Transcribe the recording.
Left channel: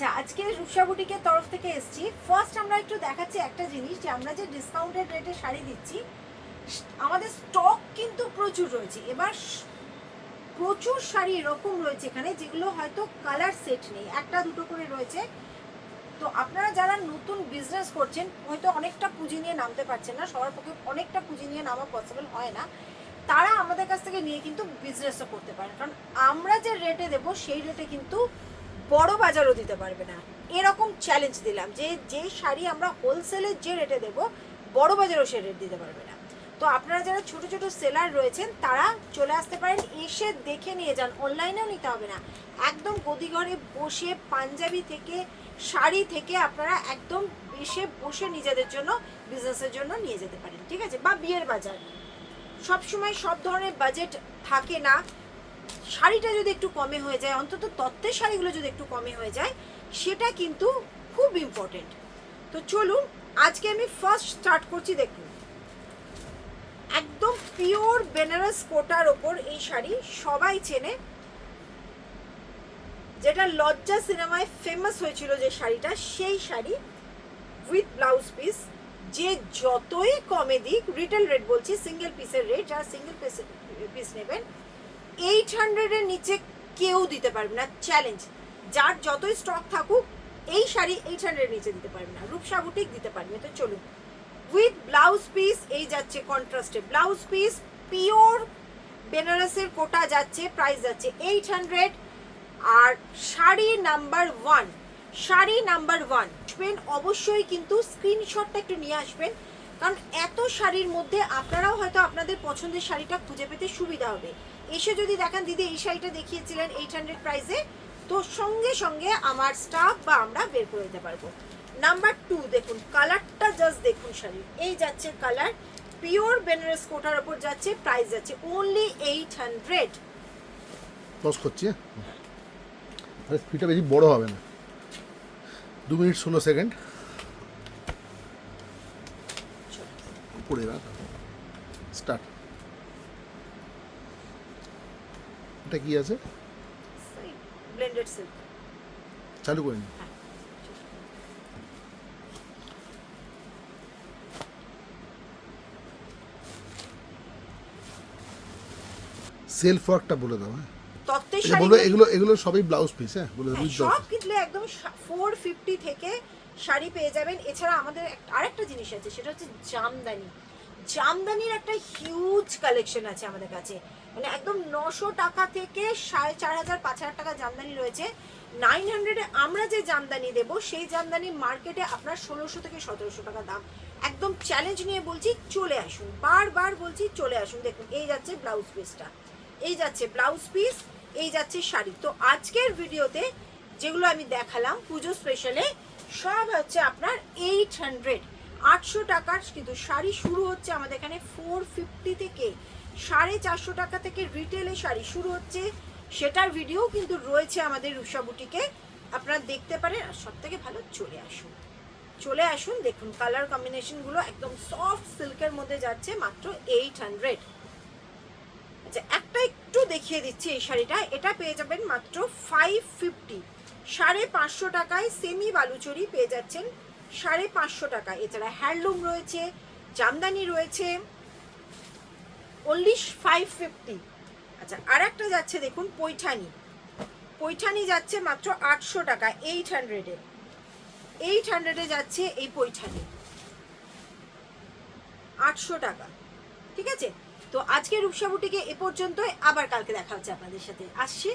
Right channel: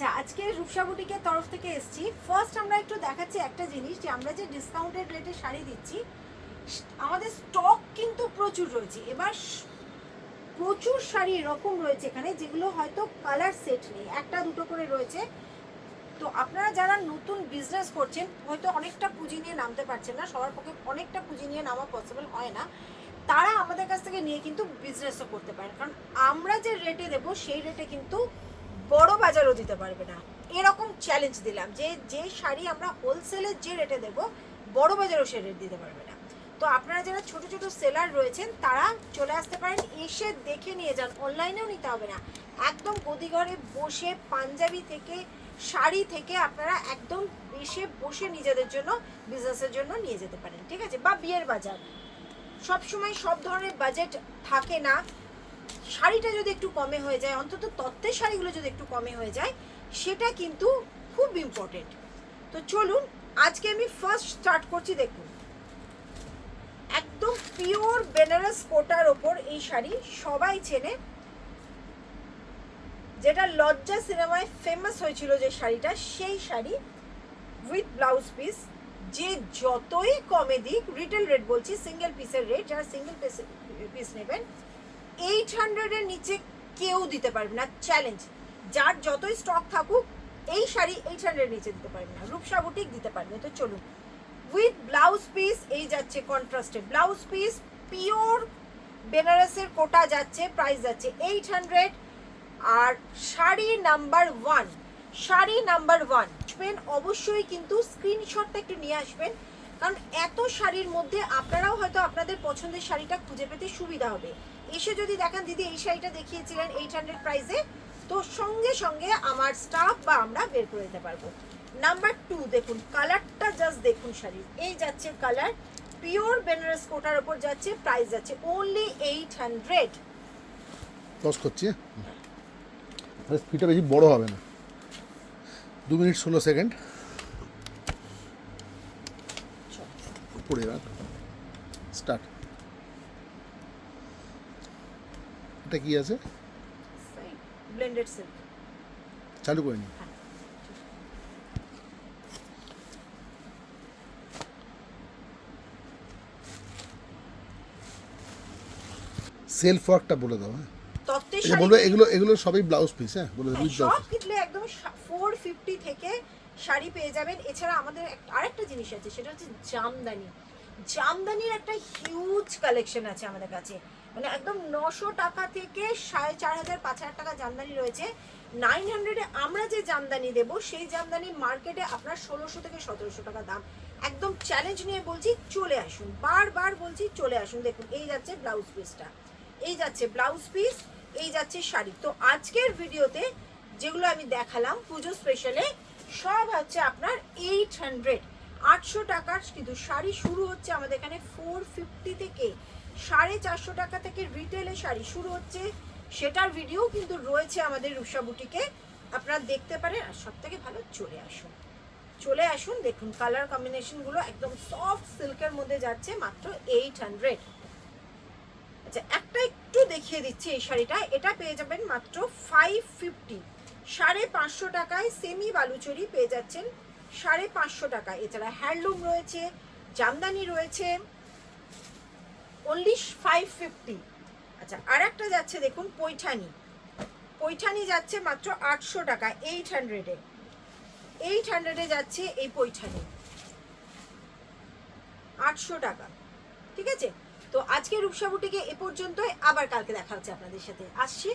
আচ্ছা, আজকে রূপসা বুটিকের তরফ থেকে এসেছি। ফার্স্ট আমরা একটু দেখাচ্ছি একটা জিনিস, যে আমরা যে ডিসকাউন্টেড রেটে শাড়ি দিচ্ছি, আমাদের স্টক কিন্তু প্রচুর রয়েছে। এবার প্রচুর শাড়ি এরকম রয়েছে এখানে যেগুলো হয়তো কালার সেট নেই, একটা দুটো করে রয়েছে। তো আপনারা যারা নতুন বিজনেস করছেন, হয়তো অনেকটা পুঁজি নিয়ে নামতে পারছেন না, সবার পক্ষে অনেকটা পুঁজি নিয়ে নামা পসিবল হয় না, তারা আমাদের কাছ থেকে নিয়ে কিন্তু বিজনেসও করতে পারেন। কারণ আমরা যে রেটে দেবো সেই রেটে কিন্তু বড় বাজারও দিতে পারবে না। এরকম চ্যালেঞ্জ দিলাম যে যে শাড়ি আমরা হোলসেলের যে রেটে দেবো, বড় বাজারও সে রেট দিতে পারবে না। তো আপনারা যারা ছোট ছোট সেলার রয়েছেন তারা চলে আসতে পারেন, এসে দেখে নিয়ে যান। অনলাইনেও নিতে হবে না, একদম গদিঘরে বসে পাঞ্জাবি থেকে শাড়ি থেকে আপনারা একদম বসে নিজেদের জন্য বিজনেসের জন্য নিয়ে যেতে পারেন, ঠিক আছে? বা বিয়ের বাজার, সবসময় সব ধরনের বাজেট থাকে না। শাড়িটা যদি একটু কমে হয়ে যায়, অন্তত তত্ত্বের শাড়িগুলো যদি একটু কমে হয়ে যায়, সেটা কিন্তু খুব ইম্পর্টেন্ট। তো চলুন আজকে আমি ফার্স্ট স্টার্ট করছি। দেখুন, একদম পিওর বেনারস কোটার ওপর এই শাড়ি সবাই চেনে, যেটা লজ্জা সিনেমায় ফেমাস হয়েছিল যে শাড়িটা, সেই শাড়ি উইথ ব্লাউজ পিস। যে যতই কমে দিক, রিটেল রেট বলছি, সিঙ্গেল পিসের রেট, যারা সিঙ্গেল পিস নেবেন 800-এর নিচে কেউ দিতে পারবে না, চ্যালেঞ্জ। যার যতই স্টক থাকুক, এই শাড়ি 800-এর নিচে দিতে পারবে না, রূপসা বুটিক দিতে পারবে। তো চলুন, উইথ ব্লাউজ পিস এই যাচ্ছে কন্ট্রাস্টে ব্লাউজ পিস, পিওর বেনারসের কোটা যাচ্ছে, প্রাইস যাচ্ছে 800। আর শাড়ি নাম্বার 1, শাড়ি নাম্বার 1 আসবেন অবশ্যই, কিন্তু স্ক্রিনশটটা একটু নিয়ে আসবেন, কারণ এত শাড়ির মধ্যে আপনারাও হয়তো আপনাদের পছন্দের শাড়িটা খুঁজে পেতে সুবিধা হবে। এসে যদি দেখেন দিদি এই শাড়িটা দেখিয়েছিলেন 800 প্রাইসে, তো সঙ্গে সঙ্গে আমার স্টাফ বা আমরা বের করে দিতে পারবো। নাম্বার 2 দেখুন, কালারটা জাস্ট দেখুন, শাড়ির এই যাচ্ছে কালার, পিওর বেনারস কোটার ওপর যাচ্ছে, প্রাইস যাচ্ছে অনলি 800। টস করছি, তাহলে স্পিডটা বেশি বড় হবে না। 2 মিনিট 16 সেকেন্ড পড়ে রাখ, স্টার্ট। এটা কি আছে? Blended silk. চালু করে নি। সেলফ ওয়ার্কটা বলে দাও। হ্যাঁ, তত্ত্বের আচ্ছা বলবো, এগুলো এগুলো সবই ব্লাউজ পিস। হ্যাঁ বলে দাও। সব কিনলে একদম 450 থেকে শাড়ি পেয়ে যাবেন। এছাড়া আমাদের আরেকটা জিনিস আছে, সেটা হচ্ছে জামদানি। জামদানির একটা হিউজ কালেকশন আছে আমাদের কাছে, মানে একদম 900 টাকা থেকে 4500-5000 টাকা জামদানি রয়েছে। 900-এ আমরা যে জামদানি দেবো, সেই জামদানি মার্কেটে আপনার 1600 থেকে 1700 টাকা দাম। একদম চ্যালেঞ্জ নিয়ে বলছি, চলে আসুন, বারবার বলছি চলে আসুন। দেখুন এই যাচ্ছে ব্লাউজ পিসটা, এই যাচ্ছে ব্লাউজ পিস, এই যাচ্ছে শাড়ি। তো আজকের ভিডিওতে যেগুলো আমি দেখালাম পুজো স্পেশালে, সব হচ্ছে আপনার 800, 800 টাকার। কিন্তু শাড়ি শুরু হচ্ছে আমাদের এখানে 450 থেকে, 450 টাকা থেকে রিটেলে শাড়ি শুরু হচ্ছে। সেটার ভিডিও কিন্তু রয়েছে আমাদের রূপসা বুটিকে, আপনারা দেখতে পারেন। আর সব থেকে ভালো, চলে আসুন, চলে আসুন। দেখুন কালার কম্বিনেশনগুলো একদম সফট সিল্কের মধ্যে যাচ্ছে, মাত্র 800। আচ্ছা, একটা একটু দেখিয়ে দিচ্ছি এই শাড়িটা, এটা পেয়ে যাবেন মাত্র 550, 550 টাকায়। সেমি বালুচরি পেয়ে যাচ্ছেন 550 টাকা। এছাড়া হ্যান্ডলুম রয়েছে, জামদানি রয়েছে, অনলি 550। আচ্ছা, আর একটা যাচ্ছে দেখুন পৈঠানি, পৈঠানি যাচ্ছে মাত্র 800 টাকা, 800-এ, 800-এ যাচ্ছে এই পৈঠানি, 800 টাকা, ঠিক আছে? তো আজকে রূপসা বুটিকে এ পর্যন্তই, আবার কালকে দেখা হচ্ছে আপনাদের সাথে, আসছি।